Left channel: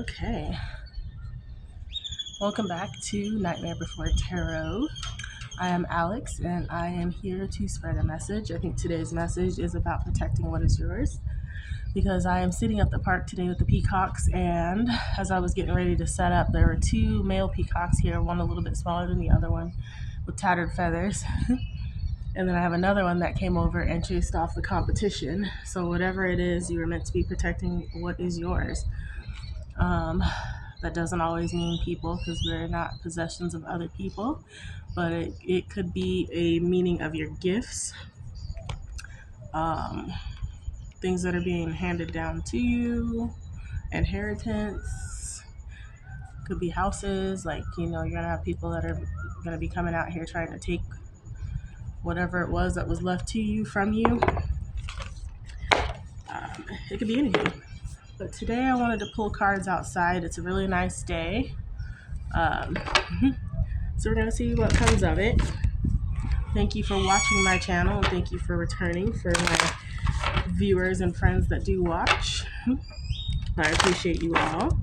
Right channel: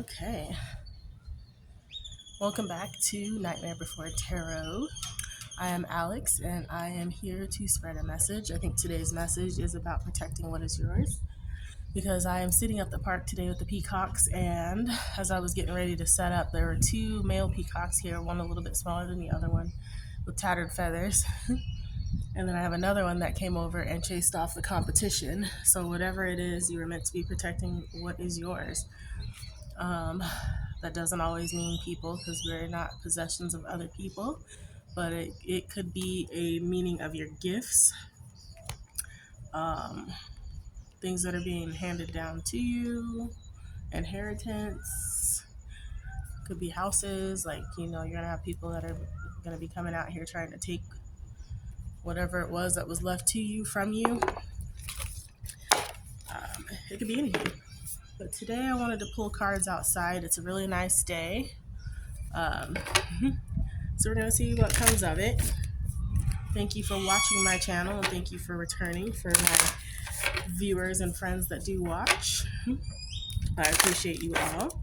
Okay. Welcome back to Nightmare Before Tarot. I am Alex and I am here to spread a message. I think today's message is about protecting what is yours because I am sitting at the park today with the peacocks, and as I was getting ready to set up, there were two male peacocks here, one a little bit smaller than the other one with tattered feathers. And then I have another one that came over and chased off the competition. So whatever it is, you were meant to be protecting what is yours. That doesn't always mean people, because we're not possessions of other people, but it could be a meaning of your gifts, um, things that are being handed down to you, inheritance. Could be houses, like, you're going to have people that are going to be coming out here trying to take whatever it was that was left to you from you. It could be anything. But today I wanted to pull cards outside. It's a really nice day. So we're going to see what comes of it. Thank you for watching my channel, and thank you for returning for my viewers and friends that do watch. I appreciate you all.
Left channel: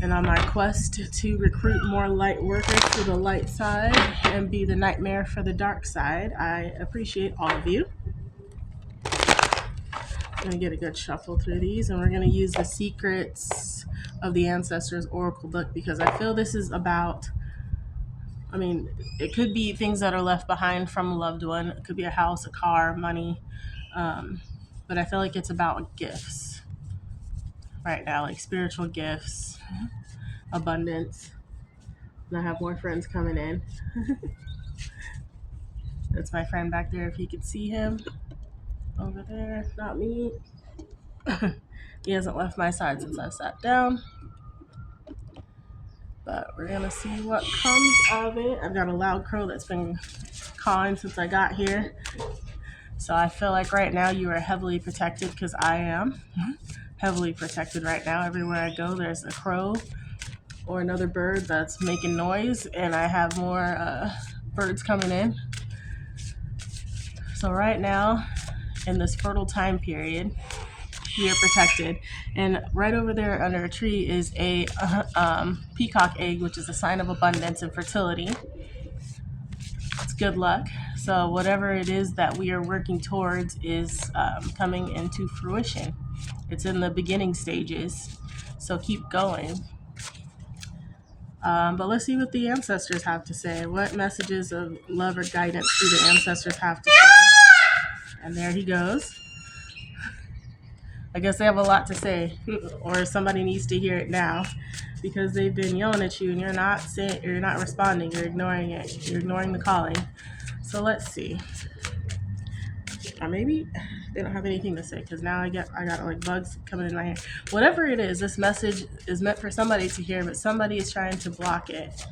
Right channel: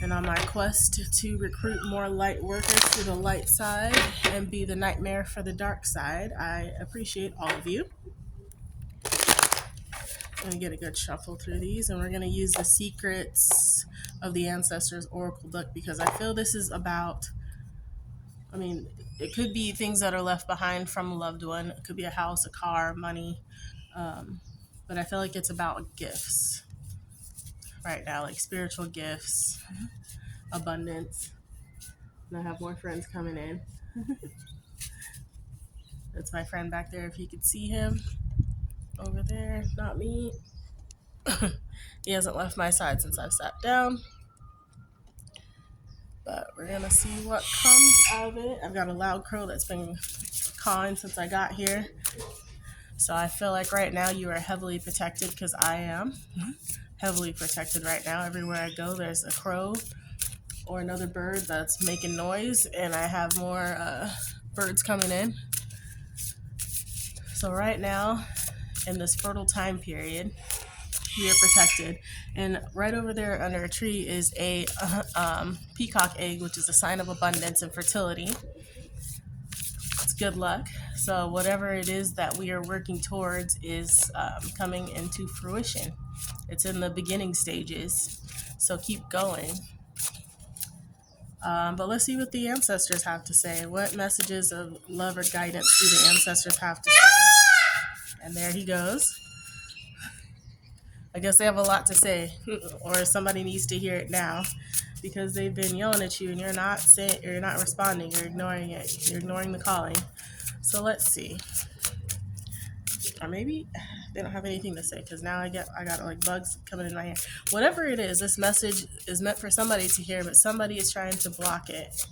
And on my quest to recruit more light workers to the light side and be the nightmare for the dark side, I appreciate all of you. I'm going to get a good shuffle through these, and we're going to use the Secrets of the Ancestors Oracle book, because I feel this is about, it could be things that are left behind from a loved one. It could be a house, a car, money. But I feel like it's about gifts right now, like spiritual gifts, abundance. And I have more friends coming in. That's my friend back there, if you could see him over there. Not me. He hasn't left my side since I've sat down. But we're going to see what comes of it. I've got a loud crow that's been cawing since I got here. So I feel like right now you are heavily protected, because I am heavily protected right now. Everywhere I go, there's a crow or another bird that's making noise, and I have more birds coming in. So right now, in this fertile time period, we are protected. And right over there under a tree is a peacock egg, which is a sign of abundance and fertility. It's good luck. So whatever it is that we are working towards is coming into fruition. It's in the beginning stages, so keep going. But let's see what the ancestors have to say. What messages of love or guidance do the ancestors have to say? And there he goes. I guess they have a lot to say, or somebody needs to hear it now, because they've been yelling at you and you're not responding. You're ignoring it. You're ignoring the calling. So let's see. Maybe they don't have anything to say, because now I got like bugs coming in my hair. Whatever it is, this message is meant for somebody to hear, but somebody is trying to block it.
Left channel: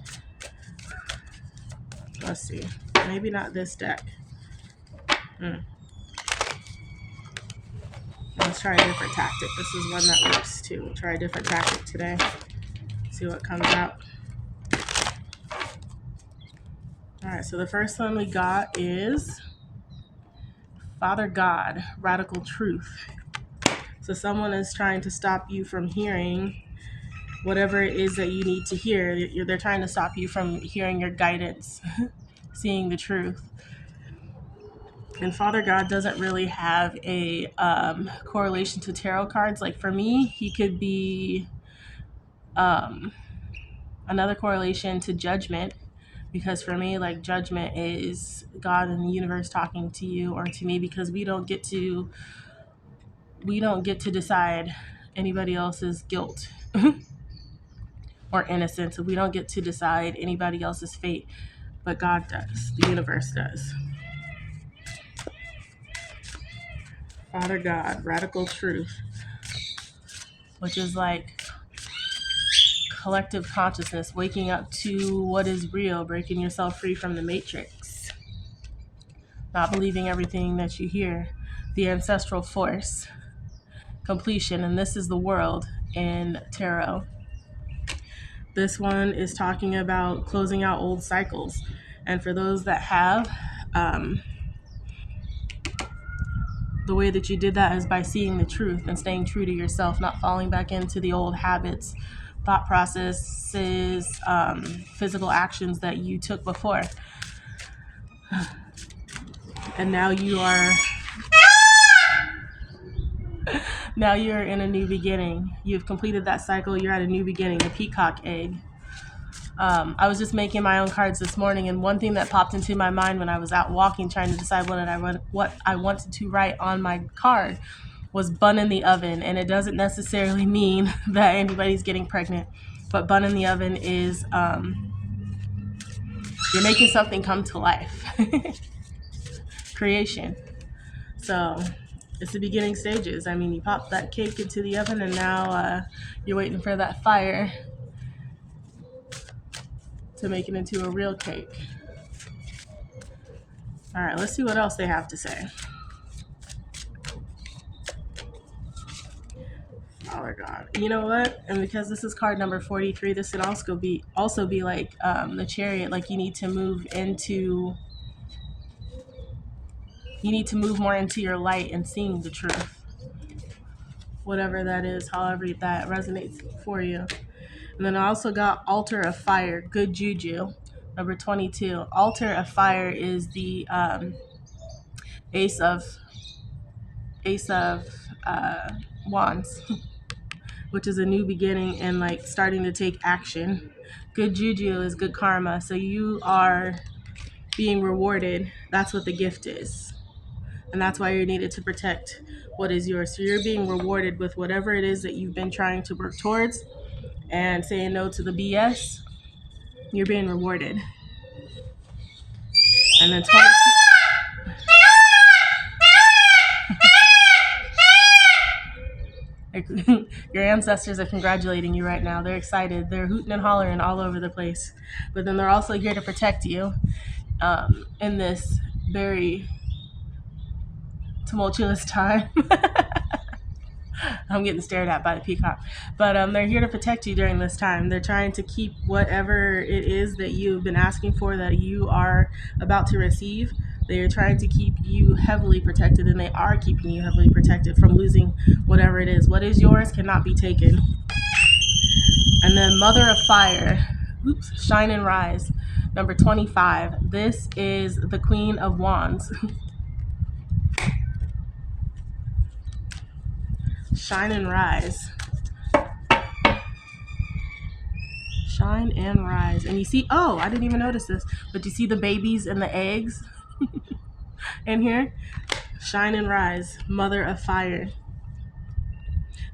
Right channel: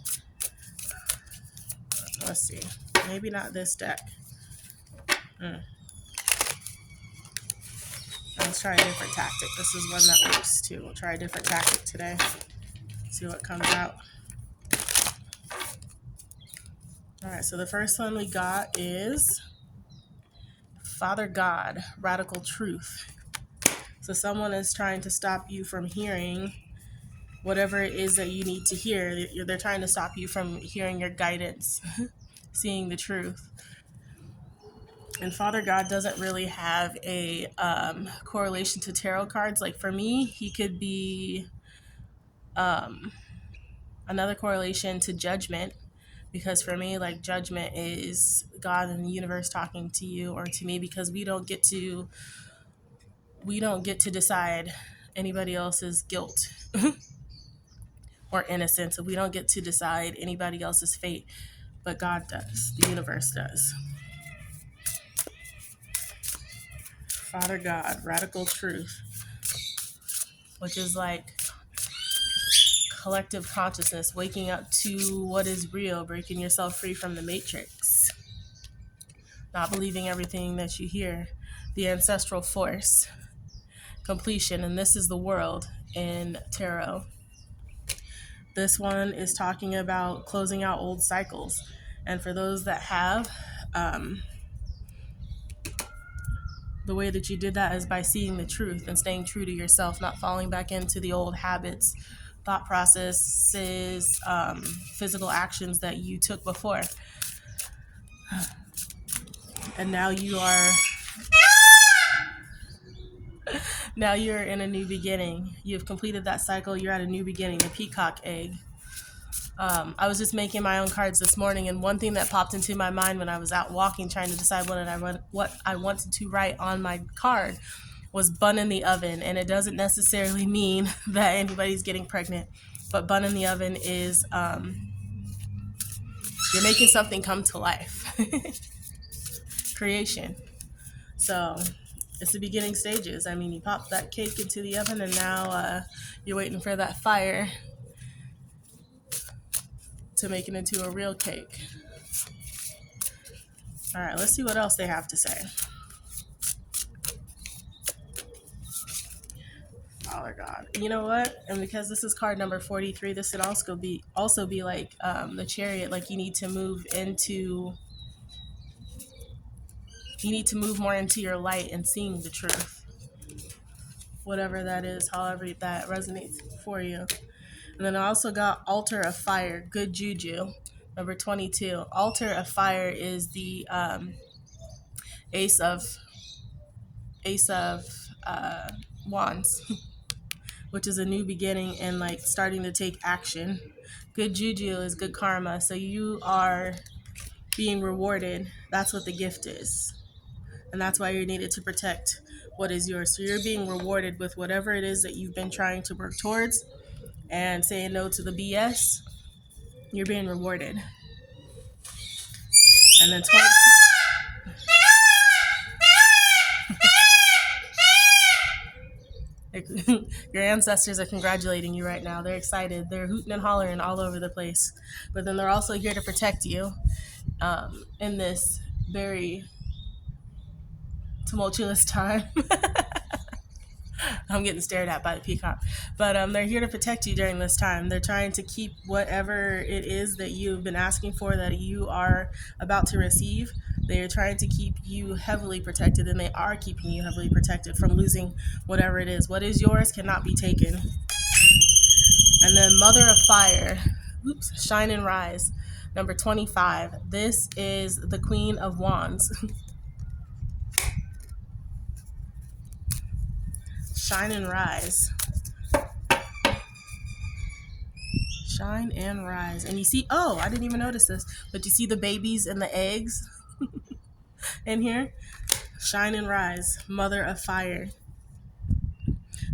Let's see. Maybe not this deck. Let's try a different tactic. This is one that works too. We'll try a different tactic today. See what comes out. All right, so the first one we got is Father God, Radical Truth. So someone is trying to stop you from hearing whatever it is that you need to hear. They're trying to stop you from hearing your guidance, seeing the truth. And Father God doesn't really have a correlation to tarot cards. Like for me, he could be another correlation to Judgment, because for me, like, Judgment is God and the universe talking to you or to me, because we don't get to decide anybody else's guilt or innocence. So we don't get to decide anybody else's fate, but God does. The universe does. Father God, Radical Truth, which is like collective consciousness, waking up to what is real, breaking yourself free from the matrix, not believing everything that you hear. The ancestral force, completion, and this is the world in tarot. This one is talking about closing out old cycles. And for those that have the way that you did that is by seeing the truth and staying true to yourself, not falling back into the old habits, thought processes, physical actions that you took before. And now you're in a new beginning. You've completed that cycle. You're at a new beginning, the peacock egg. I was just making my own cards this morning, and one thing that popped into my mind when I was out walking trying to decide what I wanted to write on my card was bun in the oven. And it doesn't necessarily mean that anybody's getting pregnant, but bun in the oven is you're making something come to life. Creation. So it's the beginning stages. I mean, you pop that cake into the oven, and now you're waiting for that fire to make it into a real cake. All right, let's see what else they have to say. Father God. You know what? And because this is card number 43, this could also be like the Chariot. Like you need to move more into your light and seeing the truth. Whatever that is, however that resonates for you. And then I also got Altar of Fire, good juju, number 22. Altar of Fire is the Ace of Wands, which is a new beginning and like starting to take action. Good juju is good karma. So you are being rewarded. That's what the gift is. And that's why you're needed to protect what is yours. So you're being rewarded with whatever it is that you've been trying to work towards and saying no to the BS. You're being rewarded. And then 22. Your ancestors are congratulating you right now. They're excited. They're hooting and hollering all over the place. But then they're also here to protect you in this very tumultuous time. I'm getting stared at by the peacock. But they're here to protect you during this time. They're trying to keep whatever it is that you've been asking for, that you are about to receive. They are trying to keep you heavily protected, and they are keeping you heavily protected from losing whatever it is. What is yours cannot be taken. And then Mother of Fire, Shine and Rise, number 25. This is the Queen of Wands. Shine and rise. Shine and rise. And you see, I didn't even notice this, but you see the babies and the eggs in here? Shine and rise, Mother of Fire.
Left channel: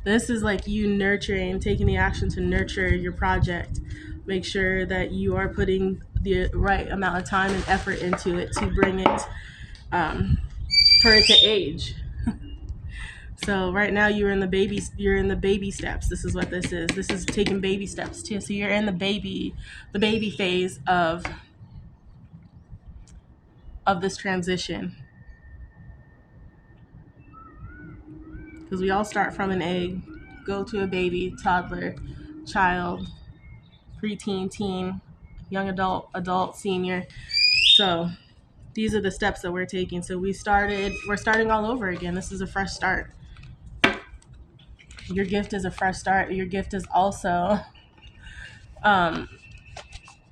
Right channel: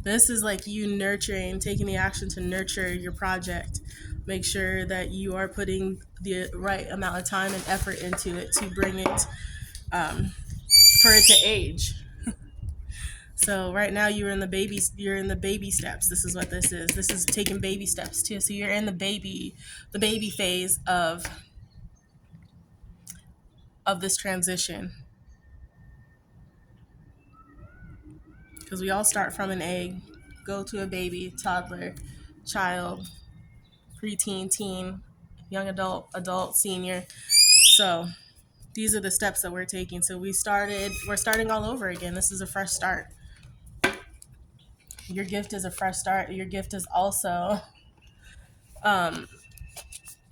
This is like you nurturing, taking the action to nurture your project. Make sure that you are putting the right amount of time and effort into it to bring it, for it to age. So right now you're in the baby steps. This is what this is. This is taking baby steps too. So you're in the baby phase of this transition. Because we all start from an egg, go to a baby, toddler, child, preteen, teen, young adult, senior. So these are the steps that we're taking. So we're starting all over again. This is a fresh start. Your gift is a fresh start. Your gift is also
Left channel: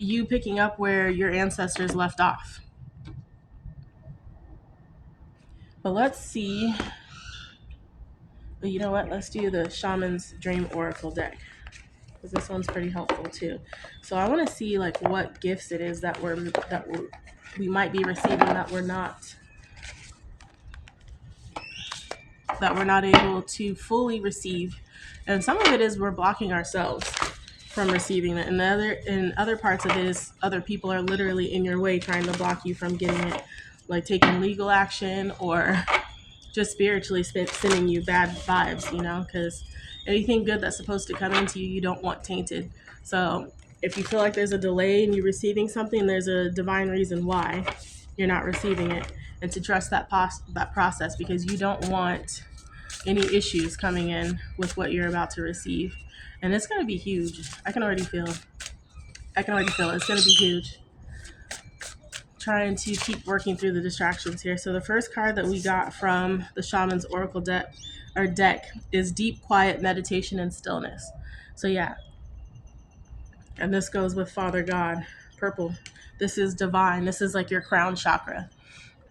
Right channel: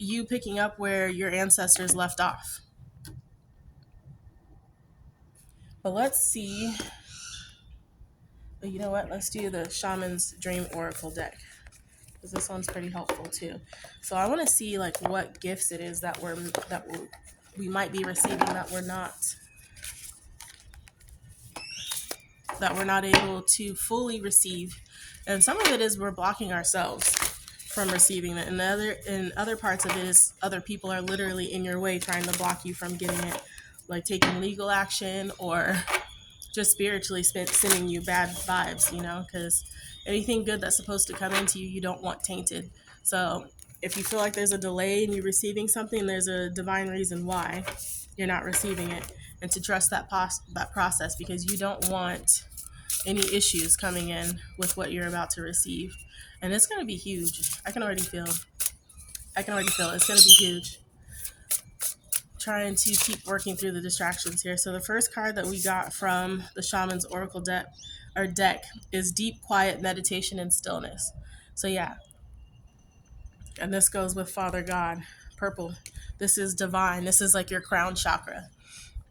you picking up where your ancestors left off. But let's see. You know what? Let's do the Shaman's Dream Oracle deck, because this one's pretty helpful too. So I want to see like what gifts it is that we might be receiving that we're not able to fully receive. And some of it is we're blocking ourselves from receiving it. And other parts of it is other people are literally in your way trying to block you from getting it, like taking legal action or just spiritually sending you bad vibes, because anything good that's supposed to come into you, you don't want tainted. So if you feel like there's a delay in you receiving something, there's a divine reason why you're not receiving it, and to trust that process, because you don't want any issues coming in with what you're about to receive. And it's going to be huge. I can already feel it's going to be huge. trying to keep working through the distractions here. So the first card that we got from the Shaman's Oracle deck is Deep Quiet Meditation and Stillness. So yeah, and this goes with Father God, purple. This is divine. This is like your crown chakra,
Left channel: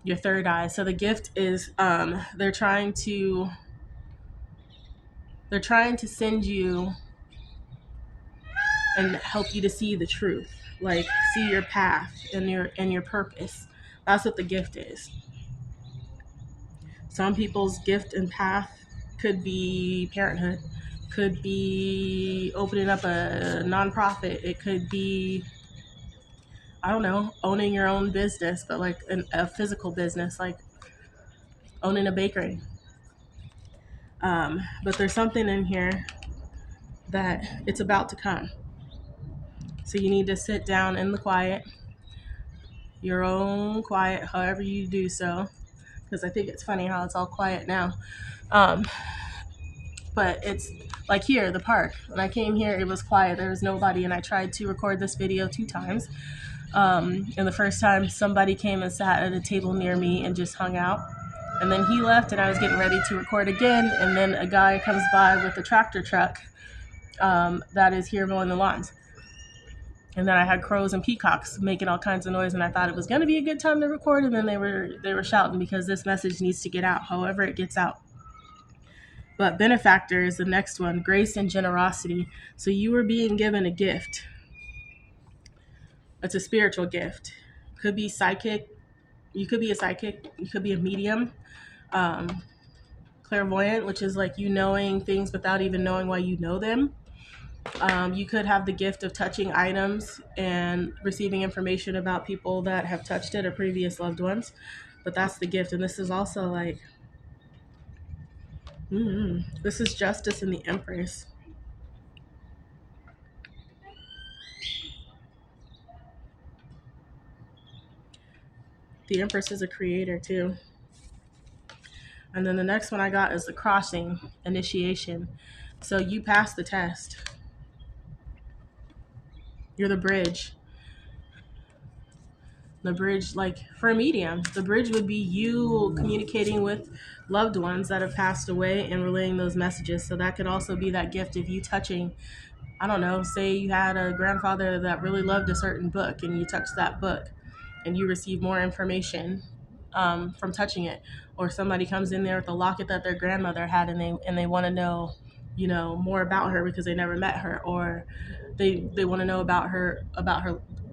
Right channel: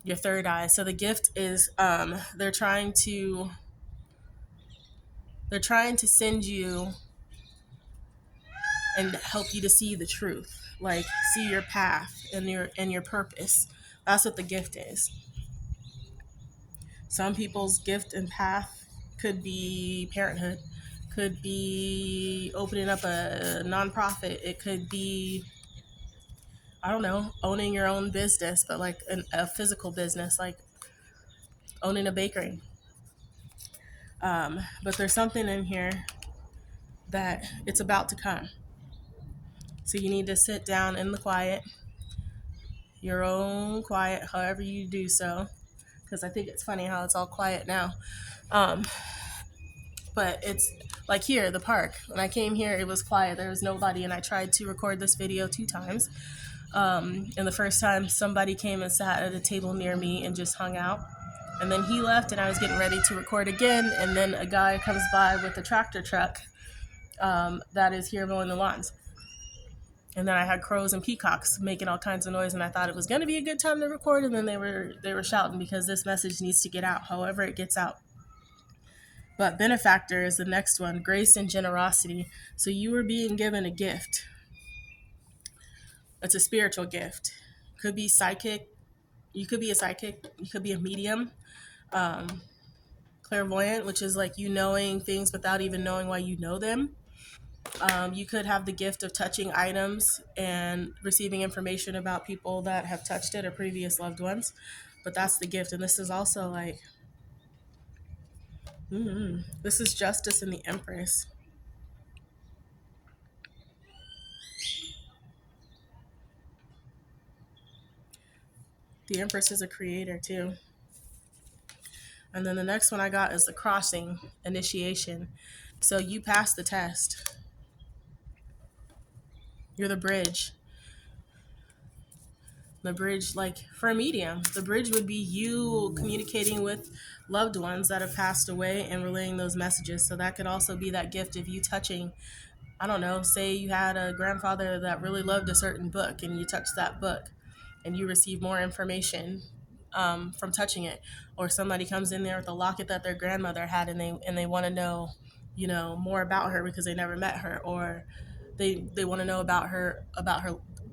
your third eye. So the gift is they're trying to send you and help you to see the truth, like see your path and your purpose. That's what the gift is. Some people's gift and path could be parenthood, could be opening up a nonprofit, it could be, I don't know, owning your own business, but like a physical business, like owning a bakery. But there's something in here that it's about to come. So you need to sit down in the quiet, your own quiet, however you do so, because I think it's funny how it's all quiet now. But it's like here, the park. When I came here, it was quiet. There was nobody, and I tried to record this video 2 times. And the first time, somebody came and sat at a table near me and just hung out. And then he left, and I was getting ready to record again, and then a guy comes by with a tractor truck that is here mowing the lawns. And then I had crows and peacocks making all kinds of noise, and I thought it was going to be a good time to record, and then they were shouting because this message needs to get out, however it gets out. But benefactor is the next one, grace and generosity. So you were being given a gift. It's a spiritual gift. Could be psychic. You could be a psychic. You could be a medium. Clairvoyant, which is like you knowing things without even knowing why you know them. You could have the gift of touching items and receiving information about people that have touched it or previous loved ones. But that's the gift. And this is also like, this is Justice and the Empress. The Empress is a creator too. And then the next one I got is the Crossing, initiation. So you passed the test. You're the bridge. The bridge, like for a medium, the bridge would be you communicating with loved ones that have passed away and relaying those messages. So that could also be that gift of you touching, I don't know, say you had a grandfather that really loved a certain book and you touched that book and you receive more information from touching it. Or somebody comes in there with a locket that their grandmother had and they want to know, more about her because they never met her, or they want to know about her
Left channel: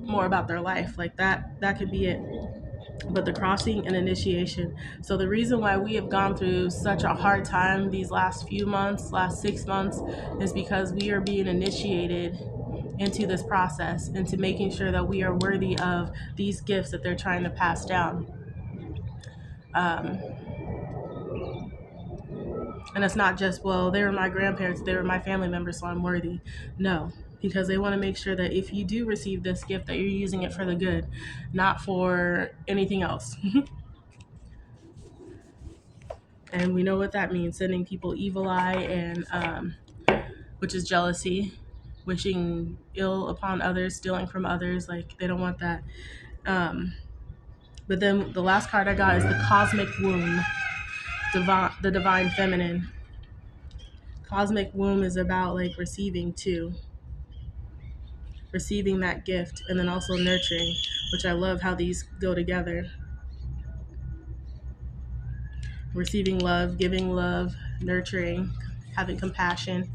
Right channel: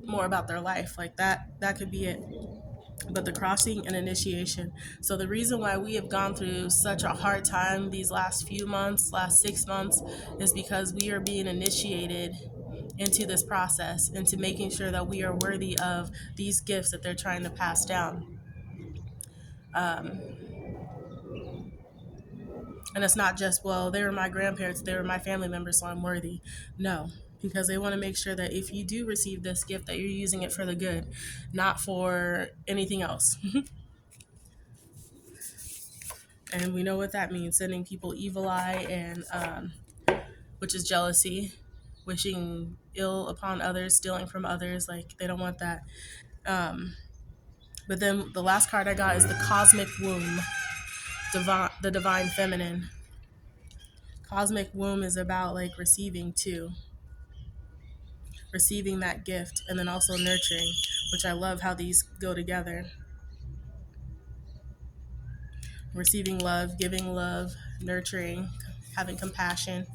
more about their life. Like that could be it. But the crossing and initiation. So the reason why we have gone through such a hard time these last 6 months, is because we are being initiated into this process, into making sure that we are worthy of these gifts that they're trying to pass down. And it's not just, well, they were my grandparents, they were my family members, so I'm worthy. No, because they want to make sure that if you do receive this gift, that you're using it for the good, not for anything else. And we know what that means, sending people evil eye, and which is jealousy, wishing ill upon others, stealing from others. Like, they don't want that. But then the last card I got is the Cosmic Womb, the Divine Feminine. Cosmic Womb is about like receiving too. Receiving that gift, and then also nurturing, which I love how these go together. Receiving love, giving love, nurturing, having compassion.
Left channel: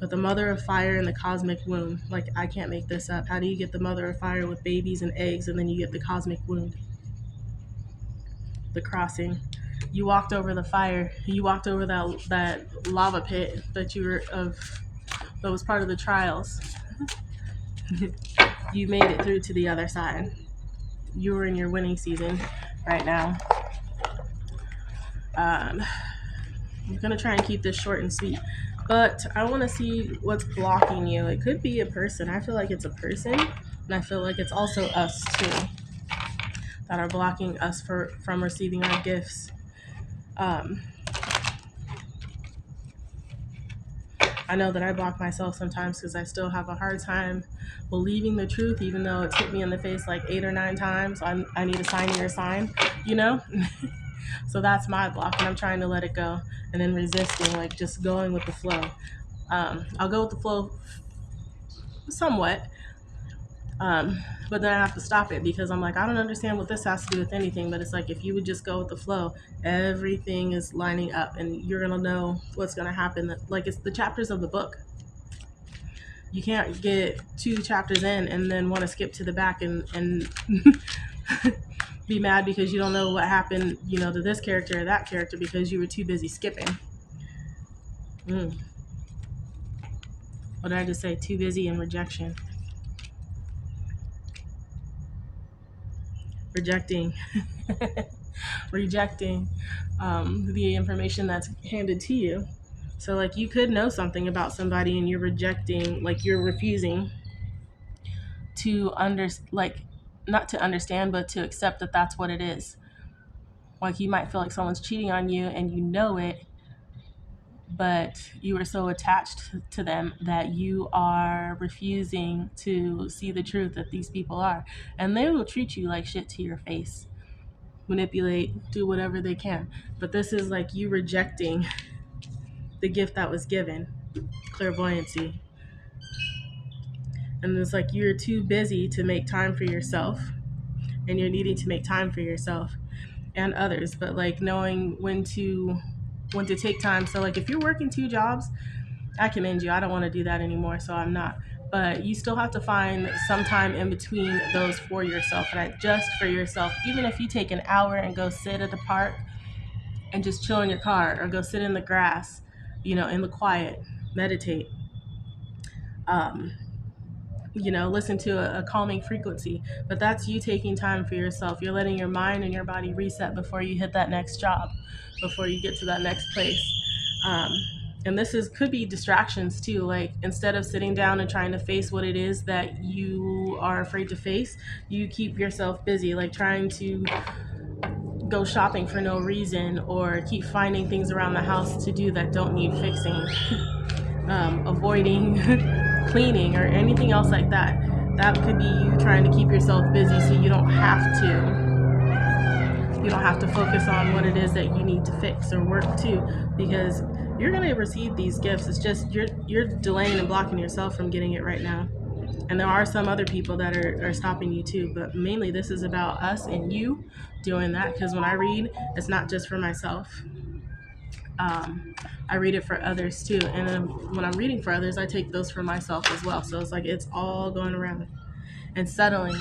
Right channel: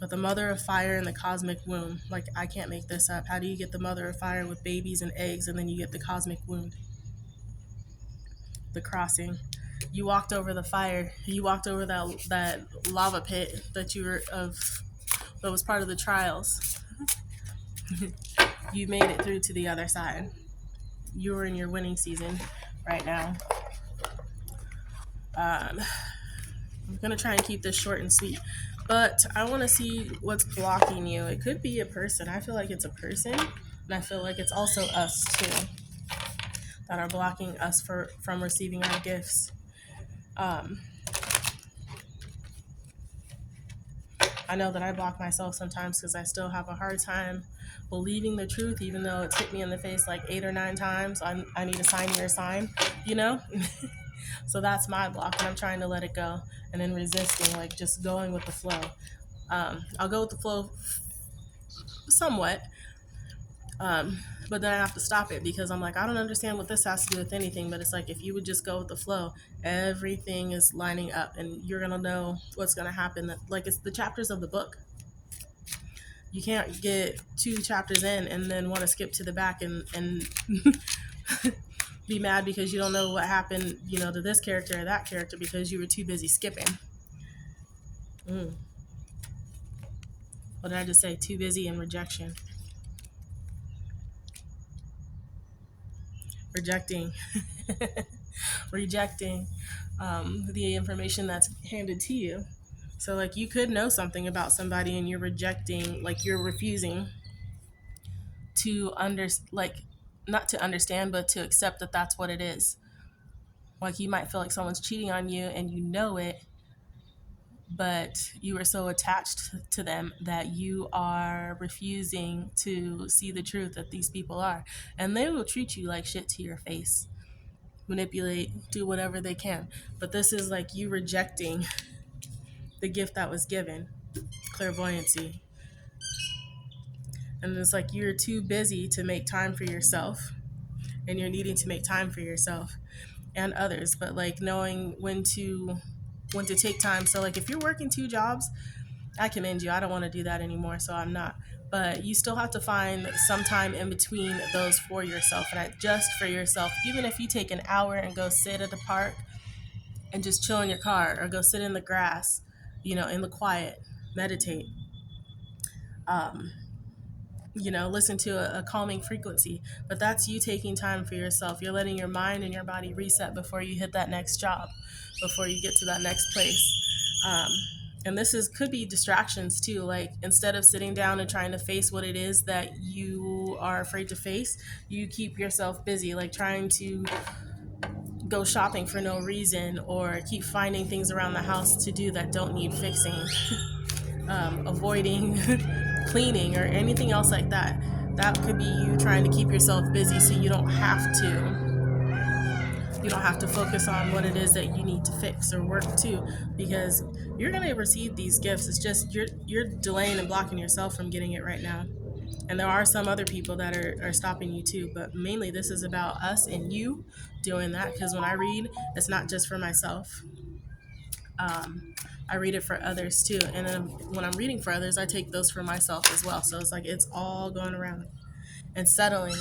But the Mother of Fire and the Cosmic Womb, like, I can't make this up. How do you get the Mother of Fire with babies and eggs, and then you get the Cosmic Womb? The crossing. You walked over the fire. You walked over that lava pit that that was part of the trials. You made it through to the other side. You were in your winning season right now. I'm gonna try and keep this short and sweet, but I want to see what's blocking you. It could be a person. I feel like it's a person, and I feel like it's also us too that are blocking us from receiving our gifts. I know that I block myself sometimes because I still have a hard time believing the truth, even though it's hit me in the face like 8 or 9 times. I need a sign or a sign, you know? So that's my block, and I'm trying to let it go, and then resisting, like just going with the flow. I'll go with the flow somewhat, but then I have to stop it because I'm like, I don't understand what this has to do with anything. But it's like, if you would just go with the flow, everything is lining up, and you're gonna know what's gonna happen. Like, it's the chapters of the book. You can't get 2 chapters in and then want to skip to the back and be mad because you don't know what happened, to this character or that character because you were too busy skipping. What did I just say? Too busy in rejection. Rejecting. Rejecting the information that's handed to you. So, like, you could know something about somebody and you're rejecting, like, you're refusing to not to understand, but to accept that that's what it is. Like, you might feel like someone's cheating on you and you know it, but you are so attached to them that you are refusing to see the truth that these people are. And they will treat you like shit to your face, manipulate, do whatever they can. But this is like you rejecting the gift that was given, clairvoyancy. And it's like you're too busy to make time for yourself, and you're needing to make time for yourself and others, but like knowing when to take time. So like if you're working 2 jobs, I commend you. I don't want to do that anymore, so I'm not. But you still have to find some time in between those for yourself, and just for yourself. Even if you take an hour and go sit at the park and just chill in your car, or go sit in the grass, in the quiet, meditate. Listen to a calming frequency. But that's you taking time for yourself. You're letting your mind and your body reset before you hit that next job, before you get to that next place. And this could be distractions too. Like, instead of sitting down and trying to face what it is that you are afraid to face, you keep yourself busy, like trying to go shopping for no reason, or keep finding things around the house to do that don't need fixing. Avoiding cleaning or anything else like that. That could be you trying to keep yourself busy so you don't have to focus on what it is that you need to fix or work to, because you're going to receive these gifts. It's just you're delaying and blocking yourself from getting it right now. And there are some other people that are stopping you too, but mainly this is about us and you doing that, because when I read, it's not just for myself. I read it for others too, and then when I'm reading for others, I take those for myself as well. So it's like it's all going around and settling